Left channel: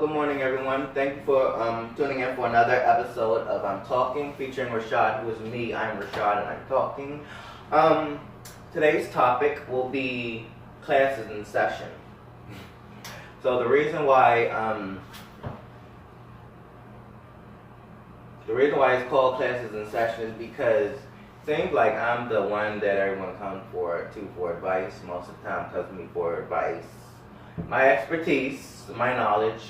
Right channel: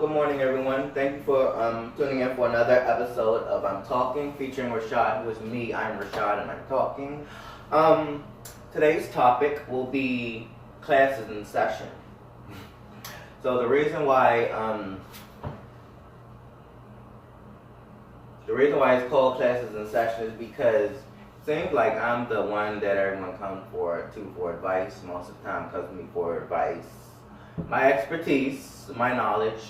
good morning, everyone. Thank you for tuning in for another episode of I'm Talking, featuring Rashad, who is me. I'm Rashad, and I'm talking. Today's topic will be classes in session. So the reason why it's called classes in session is because it seems like I'm the one that everyone comes for advice. Most of the time, comes to me for advice. My expertise, my knowledge,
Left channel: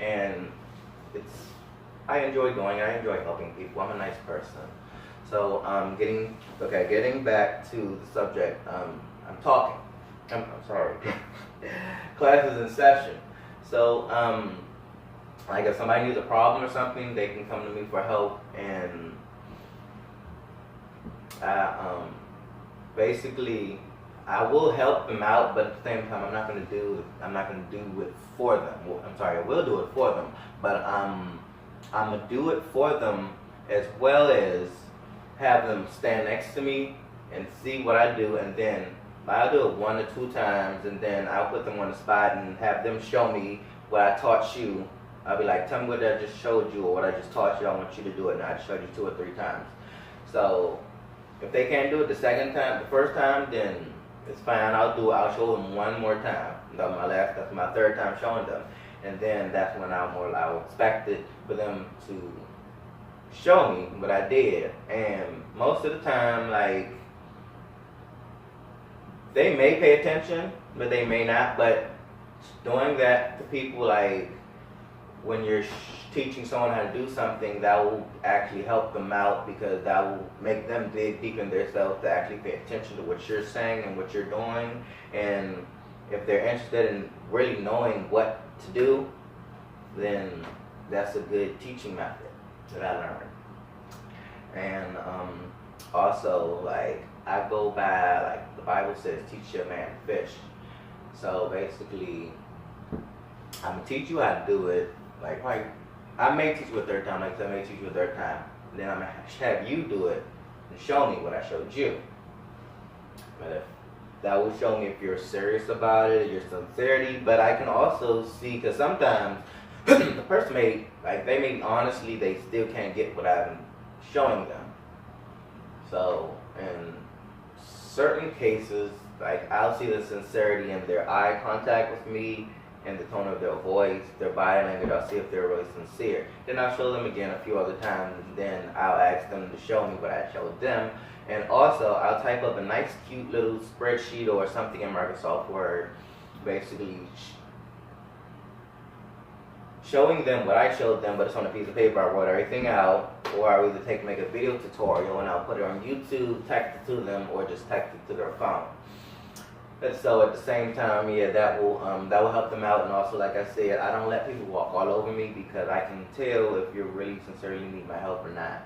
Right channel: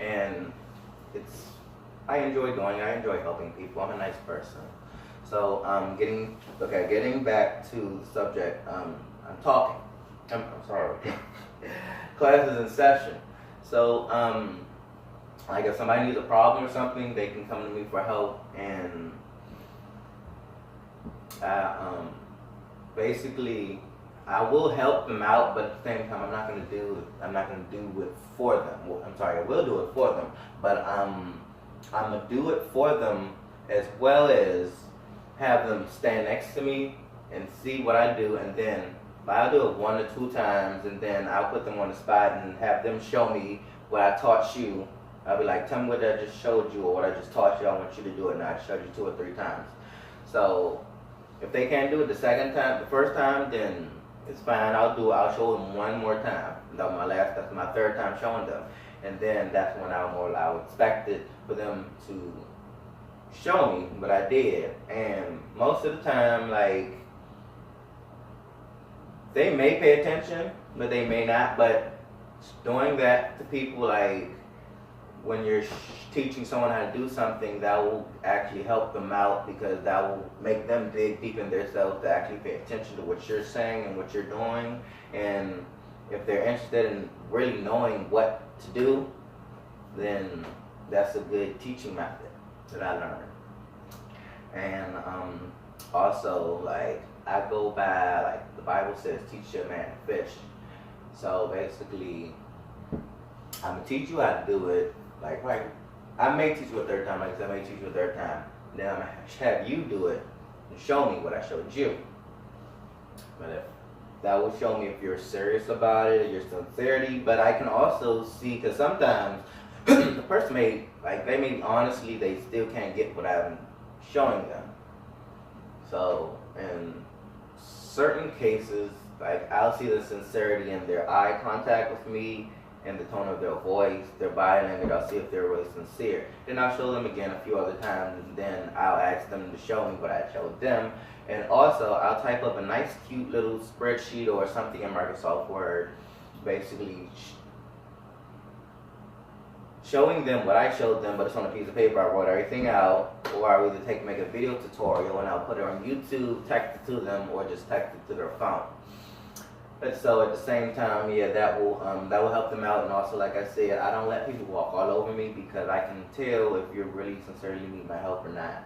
and I enjoy helping people. I'm a nice person. So getting back to the subject, I'm sorry. Classes in session. So like if somebody needs a problem or something, they can come to me for help, and basically I will help them out, but at the same time, I'm not going to do it for them. I'm sorry, I will do it for them, but I'm going to do it for them as well as have them stand next to me and see what I do, and then I'll do it 1 or 2 times, and then I'll put them on the spot and have them show me what I taught you. I'll be like, tell me what I just showed you or what I just taught you. I want you to do it, and I showed you 2 or 3 times. So if they can't do it the first time, then it's fine. I'll show them 1 more time. That's my 3rd time showing them, and then that's when I'll expect it for them to show me what I did. And most of the time, like, they may pay attention, but they may not. But doing that to people, like when you're teaching someone how to do something, that will actually help them out, because that will make them dig deep in themselves to actually pay attention to what you're saying and what you're doing. And if they're interested in really knowing what to do, then that's a good teaching method that I learned. And also, like, I go by, like, the Bible says, teach your man to fish. So basically, I'm going to teach you how to do it. Like, I may teach you a 3rd time, like I said, I may teach you a 3rd time. Then I'm going to have you do it and show me what I showed you. But if that will show me if you're serious about it, your sincerity. But I can also see, because sometimes the person honestly, they still can't get what I'm showing them. So in certain cases, like, I'll see the sincerity in their eye contact with me, and the tone of their voice, their body language. I'll see if they're really sincere. Then I'll show them again a few other times, and then I'll ask them to show me what I showed them. And also, I'll type up a nice, cute little spreadsheet or something in Microsoft Word, basically showing them what I showed them, but it's on a piece of paper. I wrote everything out, or I'll either make a video tutorial and I'll put it on YouTube, text it to them, or just text it to their phone. And so at the same time, yeah, that will help them out. And also, like I said, I don't let people walk all over me, because I can tell if you really sincerely need my help or not.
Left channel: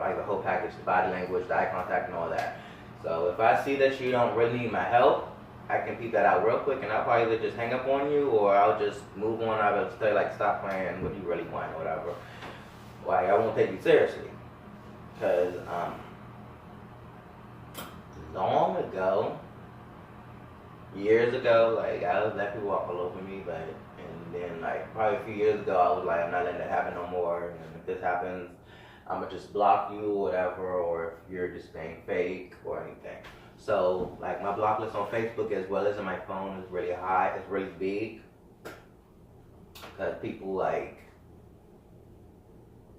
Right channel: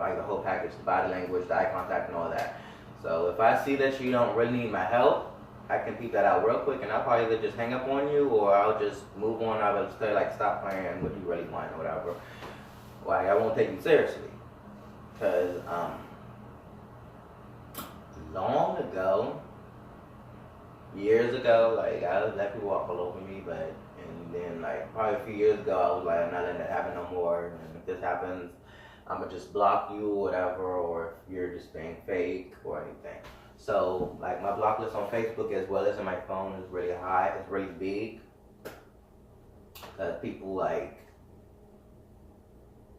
Like the whole package, the body language, the eye contact, and all that. So if I see that you don't really need my help, I can peep that out real quick, and I'll probably either just hang up on you, or I'll just move on. I'll just say, like, stop playing, what do you really want, or whatever. Like, I won't take you seriously, because long ago, years ago, like, I would let people walk all over me, and then, like, probably a few years ago, I was like, I'm not letting that happen no more, and if this happens, I'm gonna just block you or whatever, or if you're just being fake or anything. So, like, my block list on Facebook as well as on my phone is really high, it's really big, because people, like,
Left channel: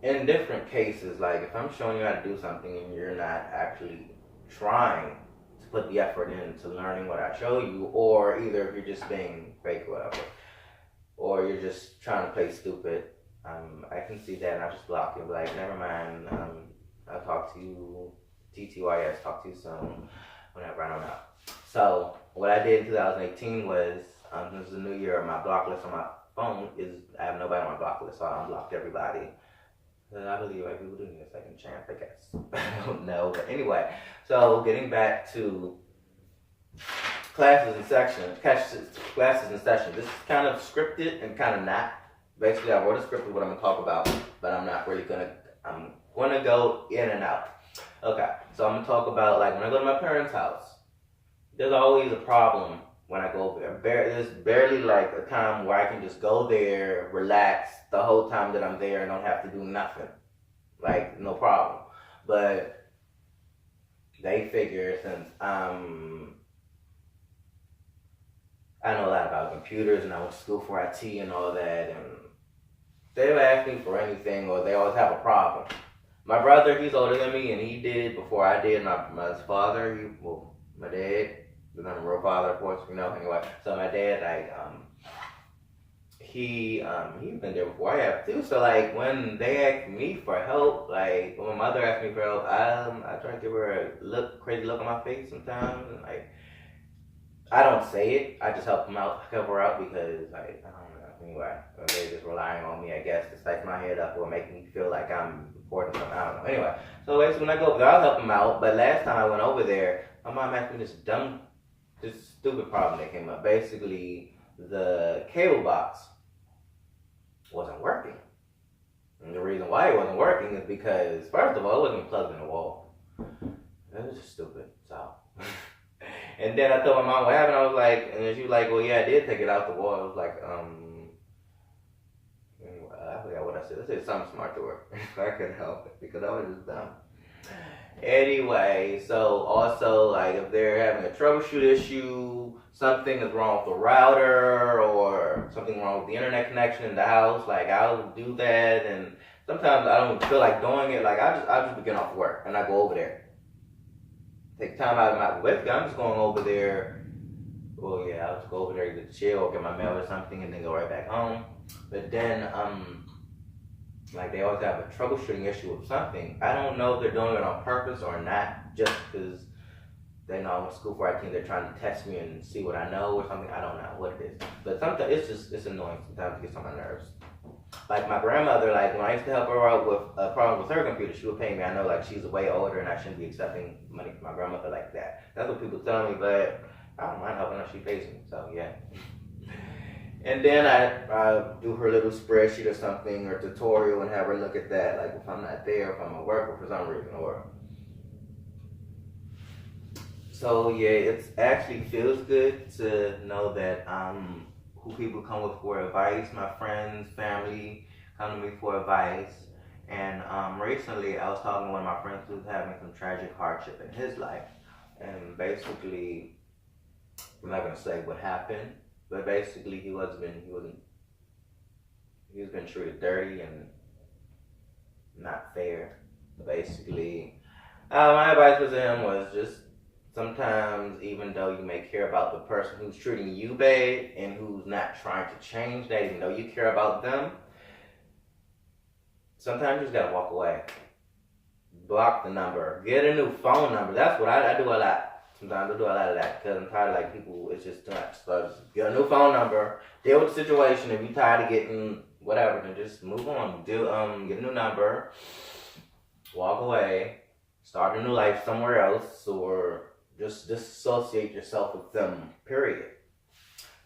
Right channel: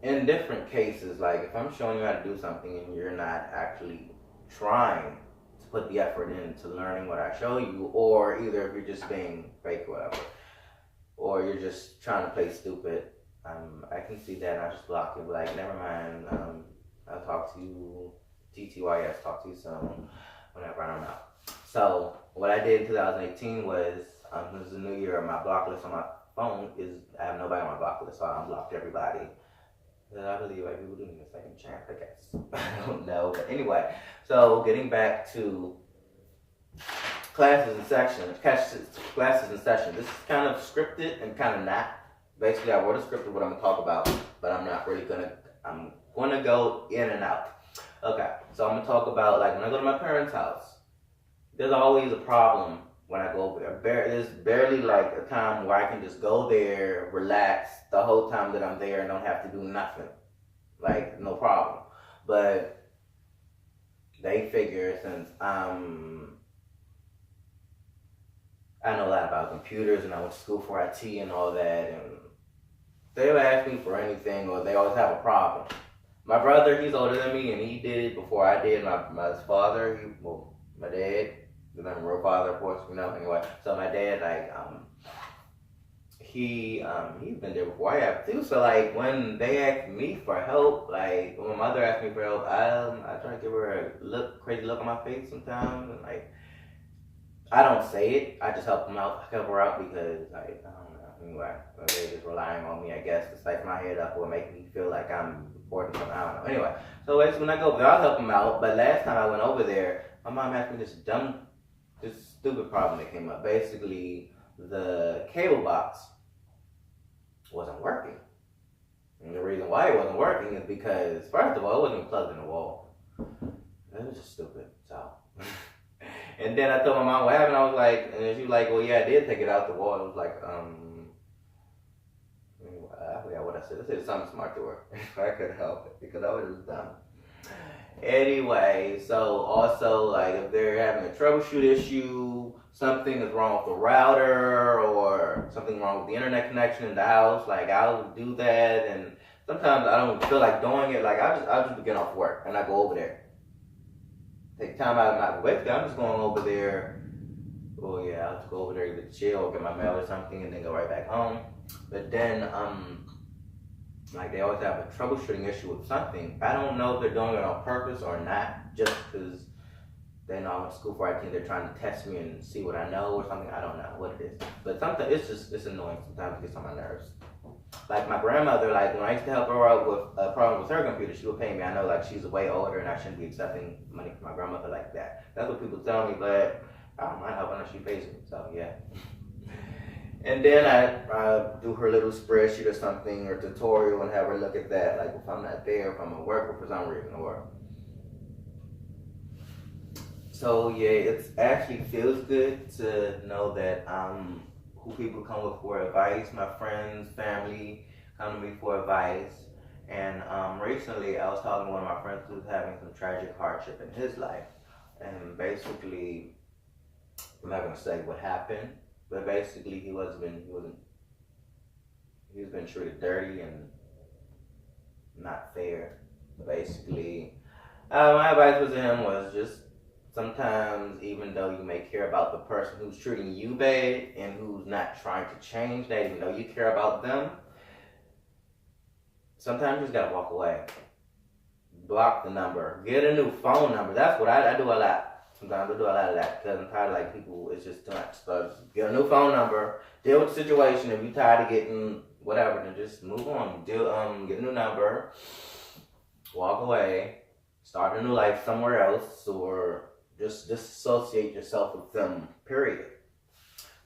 in different cases, like, if I'm showing you how to do something and you're not actually trying to put the effort into learning what I show you, or either if you're just being fake or whatever, or you're just trying to play stupid, I can see that and I just block you. Like, never mind, I'll talk to you, TTYS, talk to you soon, whenever, I don't know. So what I did in 2018 was, this is the new year, my block list on my phone I have nobody on my block list, so I unblocked everybody. I believe like people do need a second chance, I guess. I don't know, but anyway. So getting back to classes and sessions. This is kind of scripted and kind of not. Basically, I wrote a script of what I'm gonna talk about, but I'm gonna go in and out. Okay, so I'm gonna talk about, like, when I go to my parents' house, there's always a problem when I go over there. There's barely like a time where I can just go there, relax the whole time that I'm there and don't have to do nothing. Like, no problem. But they figure since I know a lot about computers and I went to school for IT and all that, and they'll ask me for anything or they always have a problem. My brother, he's older than me and he did it before I did. My father, my dad, because I'm a real father, of course, anyway. So my dad, like, he's been there before I have too. So like when they ask me for help, like when my mother asked me for help, I try to give her a crazy look on my face sometimes, and like I don't say it. I just help her out because like I don't know. Anyway, they're just relying on me, I guess, to psych my head up or make me feel like I'm important something. I don't know. Anyway, so when I go over there, I'll help them out. But last time I went over there, my mom asked me this stupid problem that came up. Basically, the cable box wasn't working. And the reason why it wasn't working is because, first of all, it wasn't plugged in the wall. It was just stupid. So, and then I told my mom what happened. I was like, and she was like, well, yeah, I did take it out the wall. I was like, I forgot what I said. I said something smart to her. If I could help it because I was just dumb. Anyway, so also, like, if they're having a troubleshoot issue, something is wrong with the router or something wrong with the internet connection in the house, like, I'll do that. And sometimes I don't feel like doing it. Like, I just begin off work and I go over there. Take time out of my week. I'm just going over there. Oh, yeah, I'll just go over there, either chill or get my mail or something and then go right back home. But then, like they always have a troubleshooting issue with something. I don't know if they're doing it on purpose or not, just because they know I went to school for IT and they're trying to test me and see what I know or something. I don't know what it is. But sometimes it's annoying. Sometimes it gets on my nerves. Like my grandmother, like when I used to help her out with a problem with her computer, she would pay me. I know like she's way older and I shouldn't be accepting money from my grandmother like that. That's what people tell me, but I don't mind helping her. She pays me, so yeah. And then I do her little spreadsheet or something or tutorial and have her look at that, like if I'm not there, if I'm at work or for some reason or. So yeah, it actually feels good to know that who people come with for advice. My friends, family come to me for advice. And recently I was talking to one of my friends who was having some tragic hardship in his life. And basically, I'm not gonna say what happened. But basically, he was being treated dirty and not fair. Basically, my advice to him was just sometimes, even though you may care about the person who's treating you bad and who's not trying to change that, even though you care about them, sometimes you just gotta walk away. Block the number. Get a new phone number. That's what I do a lot. Sometimes I do a lot of that because I'm tired of like people, it's just too much. So just get a new phone number, deal with the situation. If you're tired of getting whatever, then just move on. Get a new number, walk away, start a new life somewhere else, or just disassociate yourself with them, period.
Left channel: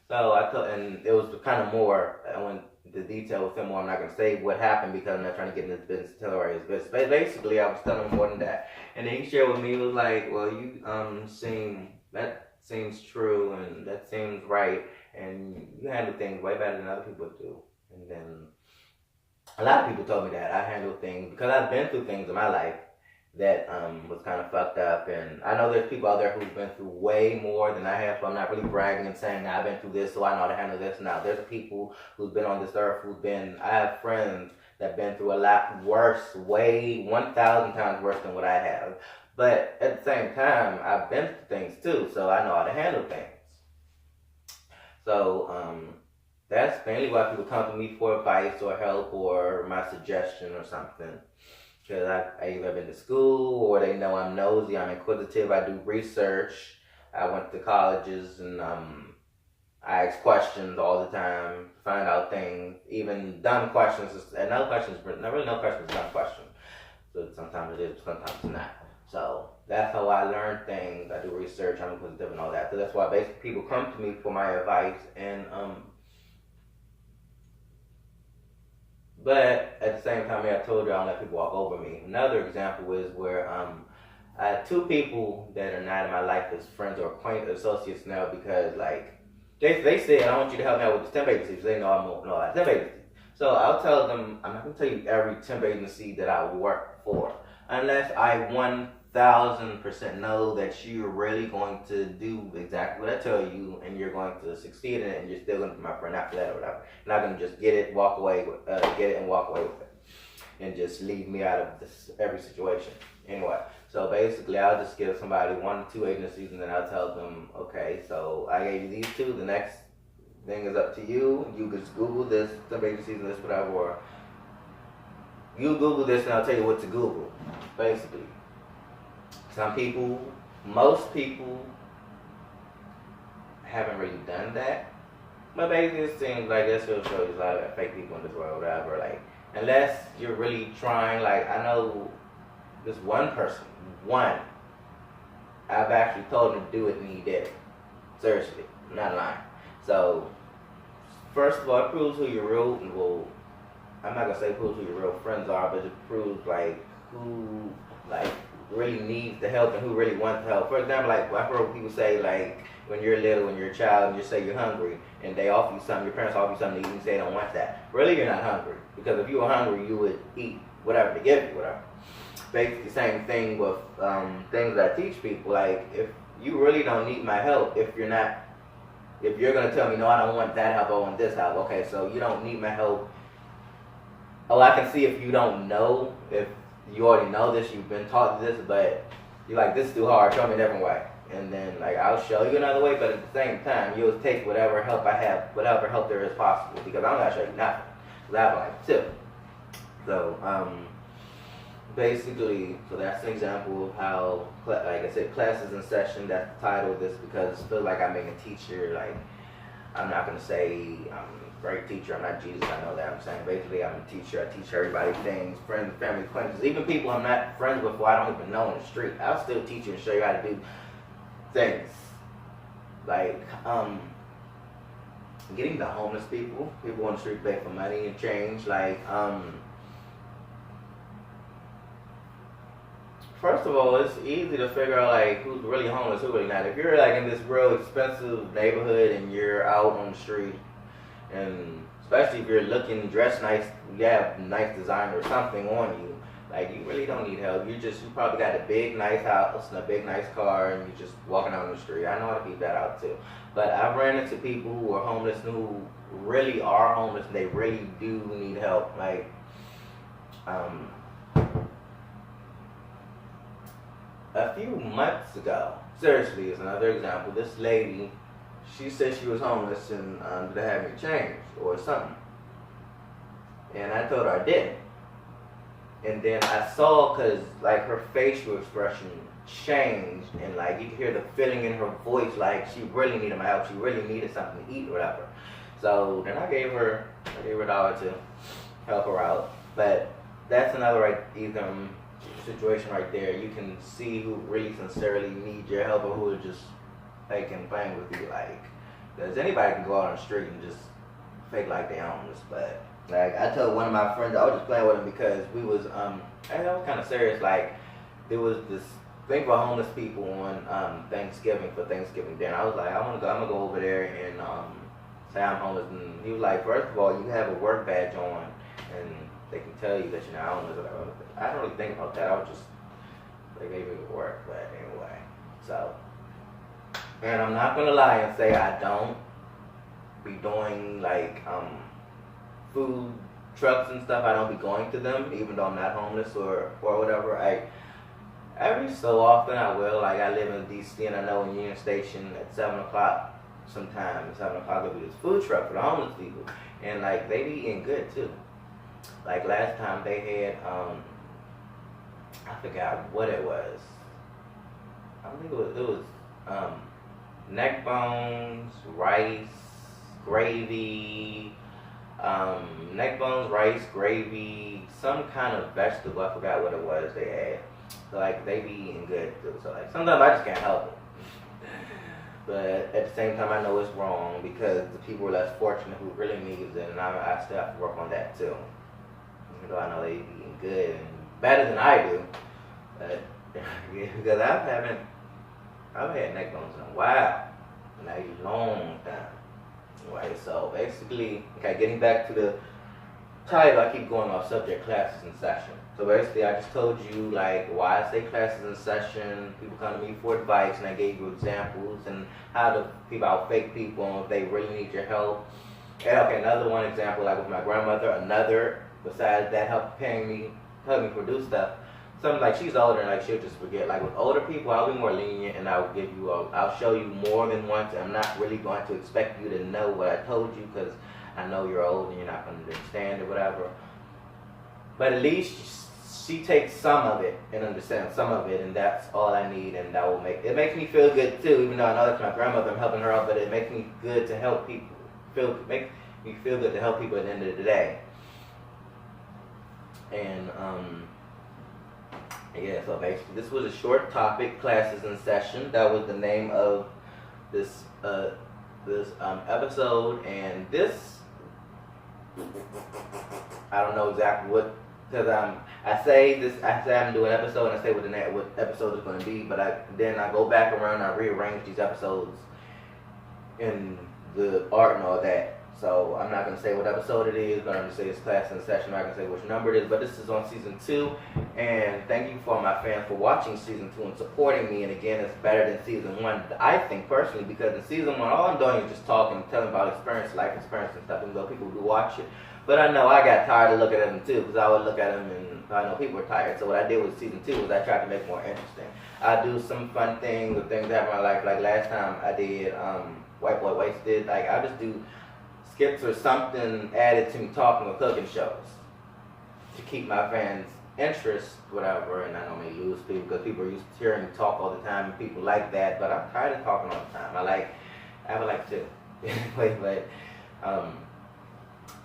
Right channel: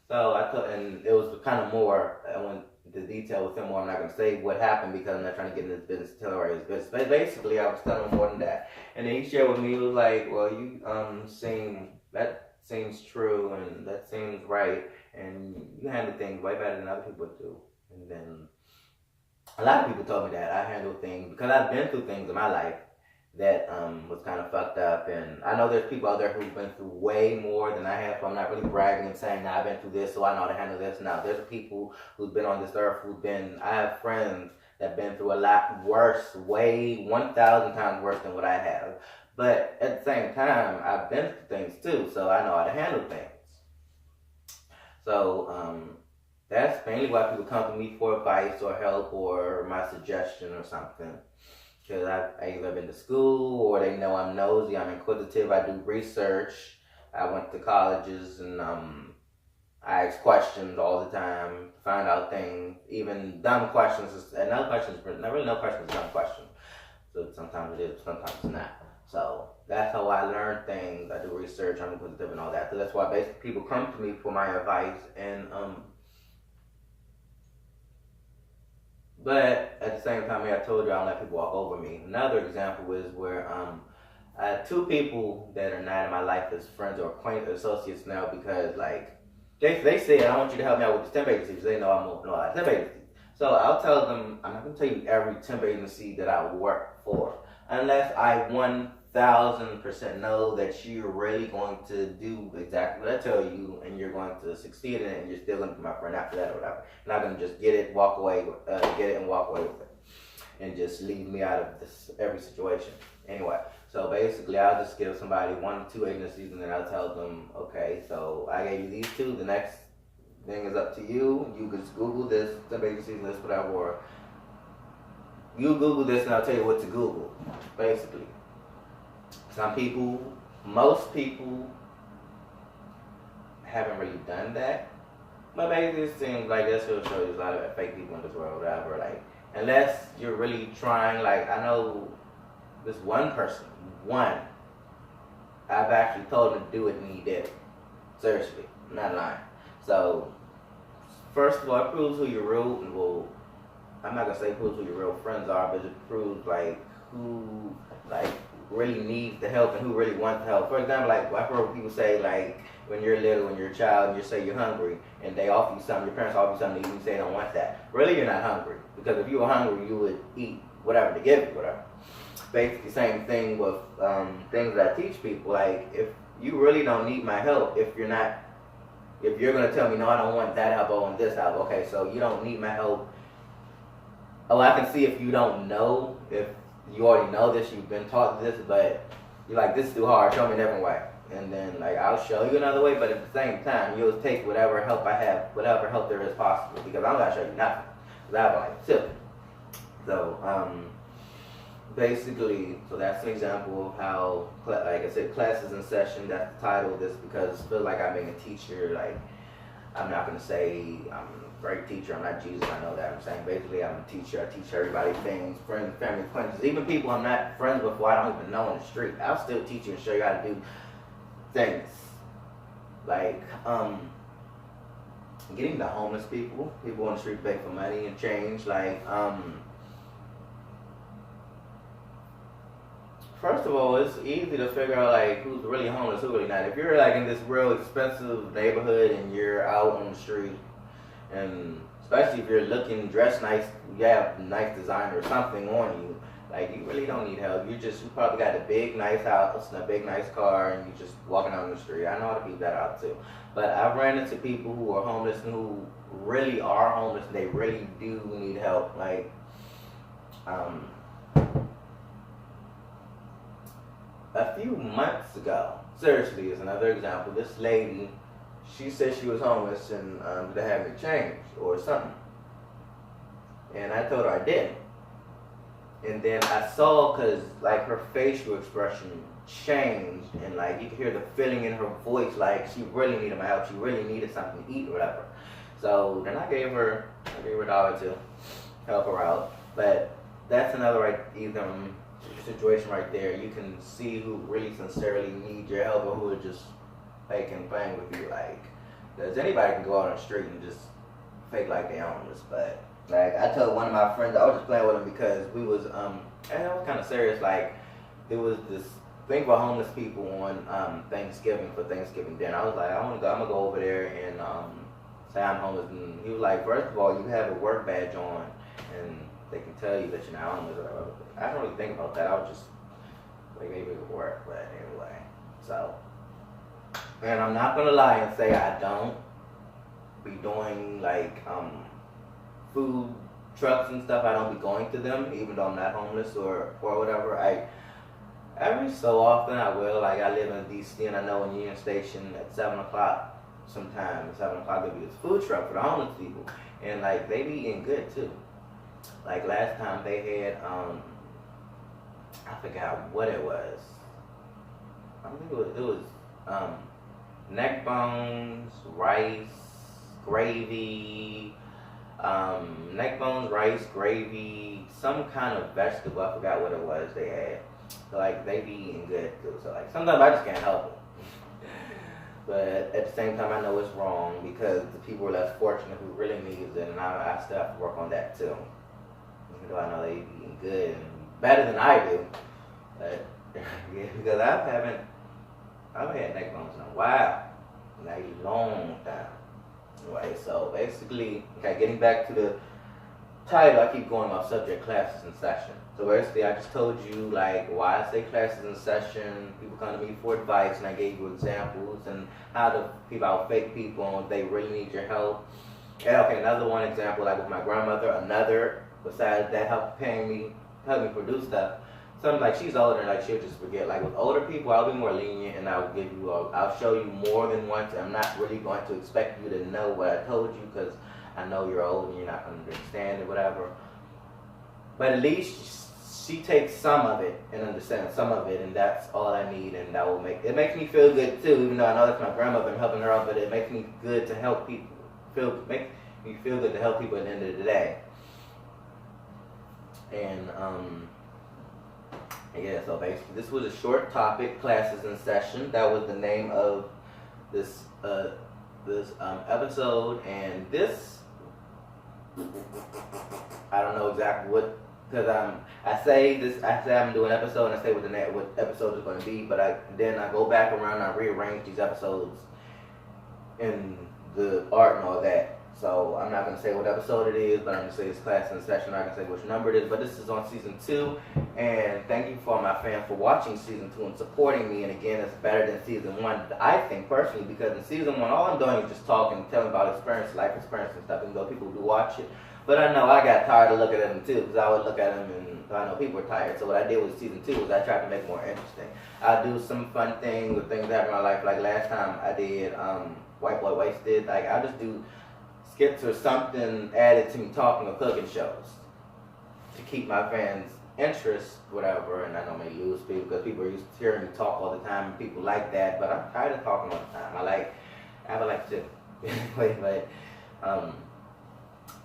So I thought, and it was kind of more, I went into detail with him more. I'm not going to say what happened because I'm not trying to get in this business, tell her his business. But basically, I was telling him more than that. And then he shared with me, he was like, well, you that seems true and that seems right. And you handle things way better than other people do. And then a lot of people told me that I handle things because I've been through things in my life that was kind of fucked up. And I know there's people out there who've been through way more than I have, so I'm not really bragging and saying, nah, I've been through this, so I know how to handle this. Now, there's people who've been on this earth I have friends that have been through a lot worse, way 1,000 times worse than what I have. But at the same time, I've been through things too, so I know how to handle things. So that's mainly why people come to me for advice or help or my suggestion or something. Because I either been to school or they know I'm nosy, I'm inquisitive, I do research. I went to colleges and I ask questions all the time, find out things, even dumb questions. And no questions, not really no questions, dumb questions. So sometimes it is, sometimes it's not. So that's how I learn things. I do research, I'm inquisitive and all that. So that's why basically people come to me for my advice. And but at the same time, I told you I don't let people walk over me. Another example is where I have two people that are not in my life as friends or associates now because like They said, I want you to help me out with the temp agency. They know I'm open all temp agency. So I'll tell them, I'm not going to tell you every temp agency that I work for. Unless I 1000% know that you're really going to do exactly what I tell you and you're going to succeed in it and you're still going to be my friend after that or whatever. You're not going to just get it, walk away, get it and walk away with it. And just leave me out of this every situation. Anyway, so basically I'll just give somebody 1 or 2 agencies and then I'll tell them, okay, so I gave you these 2, the next thing is up to you. You can just Google this, some agencies and this, whatever, or you Google this and I'll tell you what to Google, basically. Most people haven't really done that, but basically it seems like this will show you a lot of fake people in this world, whatever, like, unless you're really trying, like, I know this one person, I've actually told him to do it and he did it. Seriously, I'm not lying. So, first of all, it proves who your real, well, I'm not gonna say proves who your real friends are, but it proves, like, who, like, really needs the help and who really wants the help. For example, like, I've heard people say, like, when you're little, when you're a child, and you say you're hungry, and they offer you something, your parents offer you something, and you say they don't want that. Really, you're not hungry. Because if you were hungry, you would eat whatever they give you, whatever. Basically, same thing with things that I teach people. Like, if you really don't need my help, if you're going to tell me, no, I don't want that help, I want this help. Okay, so you don't need my help. Oh, I can see if you don't know, if you already know this, you've been taught this, but you're like, this is too hard, show me a different way. And then, like, I'll show you another way, but at the same time, you'll take whatever help I have, whatever help there is possible, because I'm not going to show you nothing. Because I have, like, 2. So, basically, so that's an example of how, like I said, classes in session, that's the title of this, because I feel like I'm being a teacher. Like, I'm not going to say I'm a great teacher, I'm not Jesus, I know that. I'm saying basically I'm a teacher, I teach everybody things, friends, family, acquaintances, even people I'm not friends with who I don't even know on the street. I'll still teach you and show you how to do things. Like, getting the homeless people on the street beg for money and change, like, first of all, it's easy to figure out, like, who's really homeless, who's really not. If you're, like, in this real expensive neighborhood and you're out on the street, and especially if you're looking, dressed nice, you have nice designer or something on you, like, you really don't need help. You probably got a big, nice house and a big, nice car, and you're just walking out on the street. I know how to keep that out, too. But I've ran into people who are homeless and who really are homeless, and they really do need help. Like, a few months ago, seriously, is another example. This lady, she said she was homeless and to have me change or something. And I told her I didn't. And then I saw, because, like, her facial expression changed, and, like, you could hear the feeling in her voice, like she really needed my help. She really needed something to eat or whatever. So then I gave her $1 to help her out. But that's another situation right there. You can see who really sincerely needs your help or who is just faking playing with you. Like, because anybody can go out on the street and just fake like they own this. But, like, I told one of my friends, I was just playing with him because we was, and I was kind of serious. Like, there was this thing for homeless people on Thanksgiving, for Thanksgiving dinner. I was like, I'm gonna go over there and say I'm homeless. And he was like, first of all, you have a work badge on, and they can tell you that you're not homeless. I don't really think about that. I was just like, maybe it would work, but anyway. So, and I'm not gonna lie and say I don't be doing, like, food trucks and stuff. I don't be going to them, even though I'm not homeless or whatever. Every so often I will. Like, I live in DC, and I know in Union Station at 7 o'clock, sometimes 7 o'clock there'll be this food truck for the homeless people, and, like, they be eating good too. Like, last time they had, I forgot what it was. I think it was neck bones, rice, gravy, neck bones, rice, gravy, some kind of vegetable. I forgot what it was they had. So, like, they be eating good too. So, like, sometimes I just can't help it. But at the same time, I know it's wrong because the people are less fortunate who really needs it, and I still have to work on that too. Even though I know they be eating good and better than I do. But, because I've had neck bones in a while, in a long time. Right, so basically, okay, getting back to the title, I keep going off subject, classes in session. So basically, I just told you like why I say classes in session. People come to me for advice, and I gave you examples and how to people out fake people and if they really need your help. And okay, another one example, like with my grandmother. Another besides that, helping me produce stuff. Something like she's older and like she'll just forget. Like with older people, I'll be more lenient and I'll give you I'll show you more than once. I'm not really going to expect you to know what I told you because I know you're old and you're not going to understand or whatever. But at least she takes some of it and understands some of it, and that's all I need, and that will makes me feel good too. Even though I know that's my grandmother, I'm helping her out, but it makes me good to help people. Makes me feel good to help people at the end of the day. And yeah, so basically this was a short topic, classes in session. That was the name of this episode, and this I don't know exactly what, because I say I'm doing an episode and I say what episode is going to be, but then I go back around and I rearrange these episodes in the art and all that. So I'm not going to say what episode it is, but I'm going to say it's class in session. I'm not going to say which number it is, but this is on season 2. And thank you for my fans for watching season 2 and supporting me. And again, it's better than season 1, I think personally, because in season 1, all I'm doing is just talking, telling about life experience and stuff, even though people do watch it. But I know I got tired of looking at them too, because I would look at them and I know people were tired. So what I did with season 2 was I tried to make it more interesting. I do some fun things with things that happen in my life. Like last time I did White Boy Wasted. Like I just do skits or something added to me talking or cooking shows to keep my fans' interest, whatever. And I don't may lose people because people are used to hearing me talk all the time and people like that. But I'm tired of talking all the time. I would like to. But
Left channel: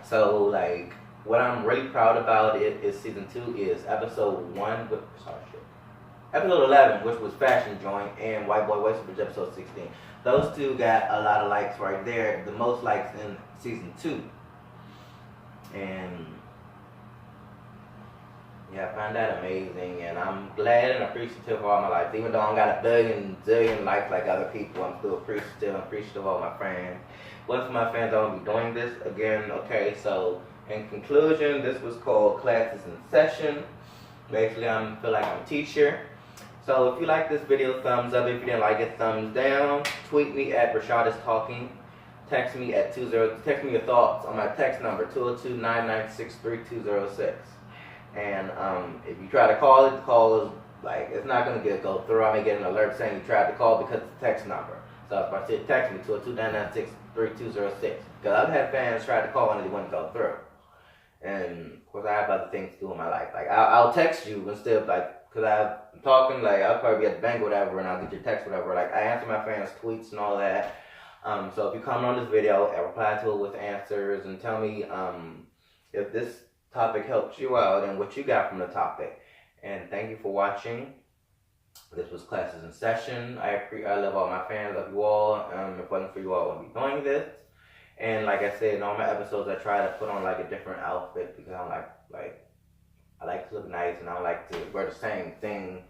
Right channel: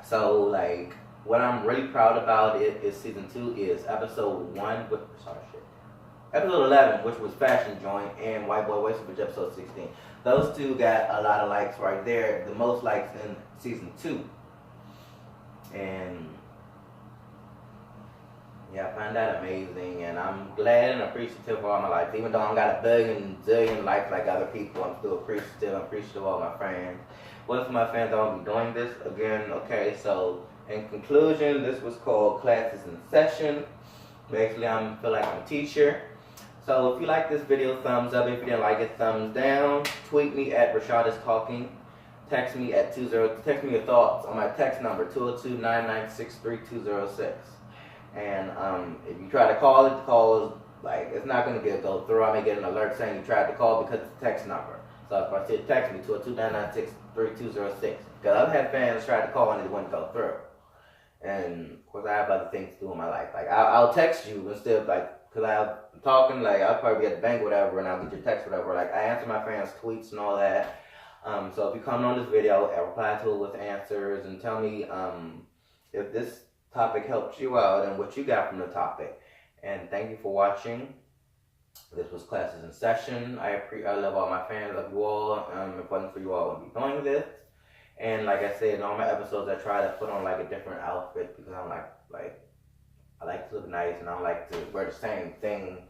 so like what I'm really proud about is season 2 is episode 11, which was Fashion Joint, and White Boy Wasted, which was episode 16. Those two got a lot of likes right there, the most likes in season 2. And yeah, I find that amazing, and I'm glad and appreciative of all my life. Even though I don't got a zillion likes like other people, I'm still appreciative of all my fans. What for my fans, I won't be doing this again. Okay, so in conclusion, this was called Classes in Session. Basically, I feel like I'm a teacher. So if you like this video, thumbs up. If you didn't like it, thumbs down. Tweet me at Rashad is Talking. Text me at text me your thoughts on my text number 202-996-3206. And if you try to call it, the call is like it's not gonna go through. I may get an alert saying you tried to call because it's a text number. So if I said text me 202-996-3206, because I've had fans try to call and it wouldn't go through. And of course I have other things to do in my life. Like I'll text you instead of like. Because I'm talking, like, I'll probably be at the bank or whatever, and I'll get your text or whatever. Like, I answer my fans' tweets and all that. So if you comment on this video, I reply to it with answers and tell me if this topic helped you out and what you got from the topic. And thank you for watching. This was Classes in Session. I love all my fans, love you all. If it wasn't for you all, I wouldn't be doing this. And like I said, in all my episodes, I try to put on, like, a different outfit because I'm like I like to look nice and I like to wear the same thing,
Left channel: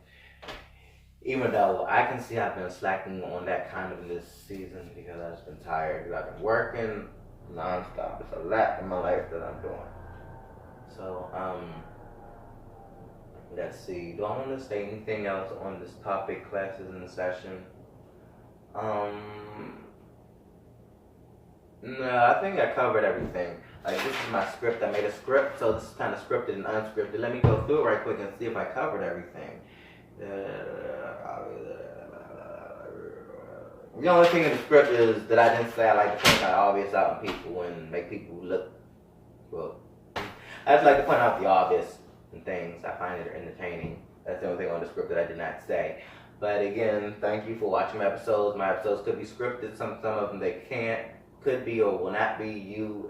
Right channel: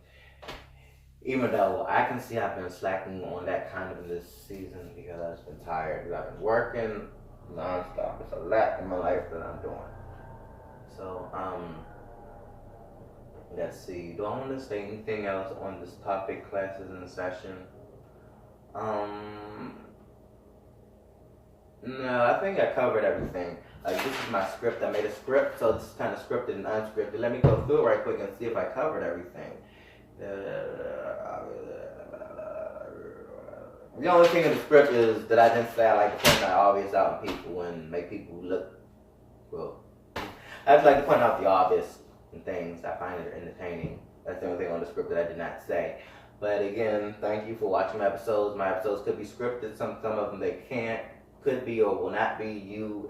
even though I can see I've been slacking on that kind of this season because I've just been tired because I've been working nonstop. It's a lot in my life that I'm doing. So, let's see. Do I want to say anything else on this topic, classes in session? No, I think I covered everything. Like, this is my script. I made a script, so this is kind of scripted and unscripted. Let me go through it right quick and see if I covered everything. The only thing in the script is that I didn't say I like to point out obvious out in people and make people look, well, I just like to point out the obvious and things. I find it entertaining. That's the only thing on the script that I did not say. But again, thank you for watching my episodes. My episodes could be scripted. Some of them they can't. Could be or will not be. You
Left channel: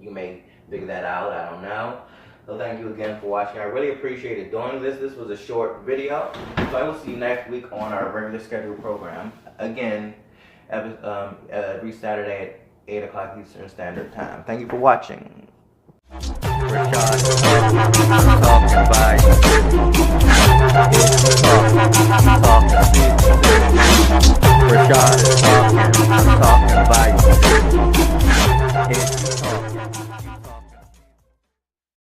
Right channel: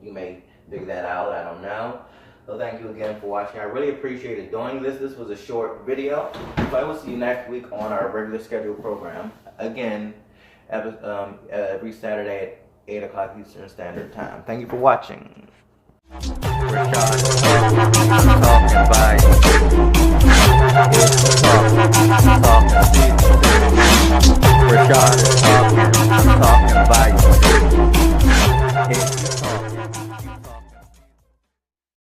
may figure that out. I don't know. So thank you again for watching. I really appreciated doing this. This was a short video. So I will see you next week on our regular scheduled program. Again, every Saturday at 8 o'clock Eastern Standard Time. Thank you for watching. Rashad.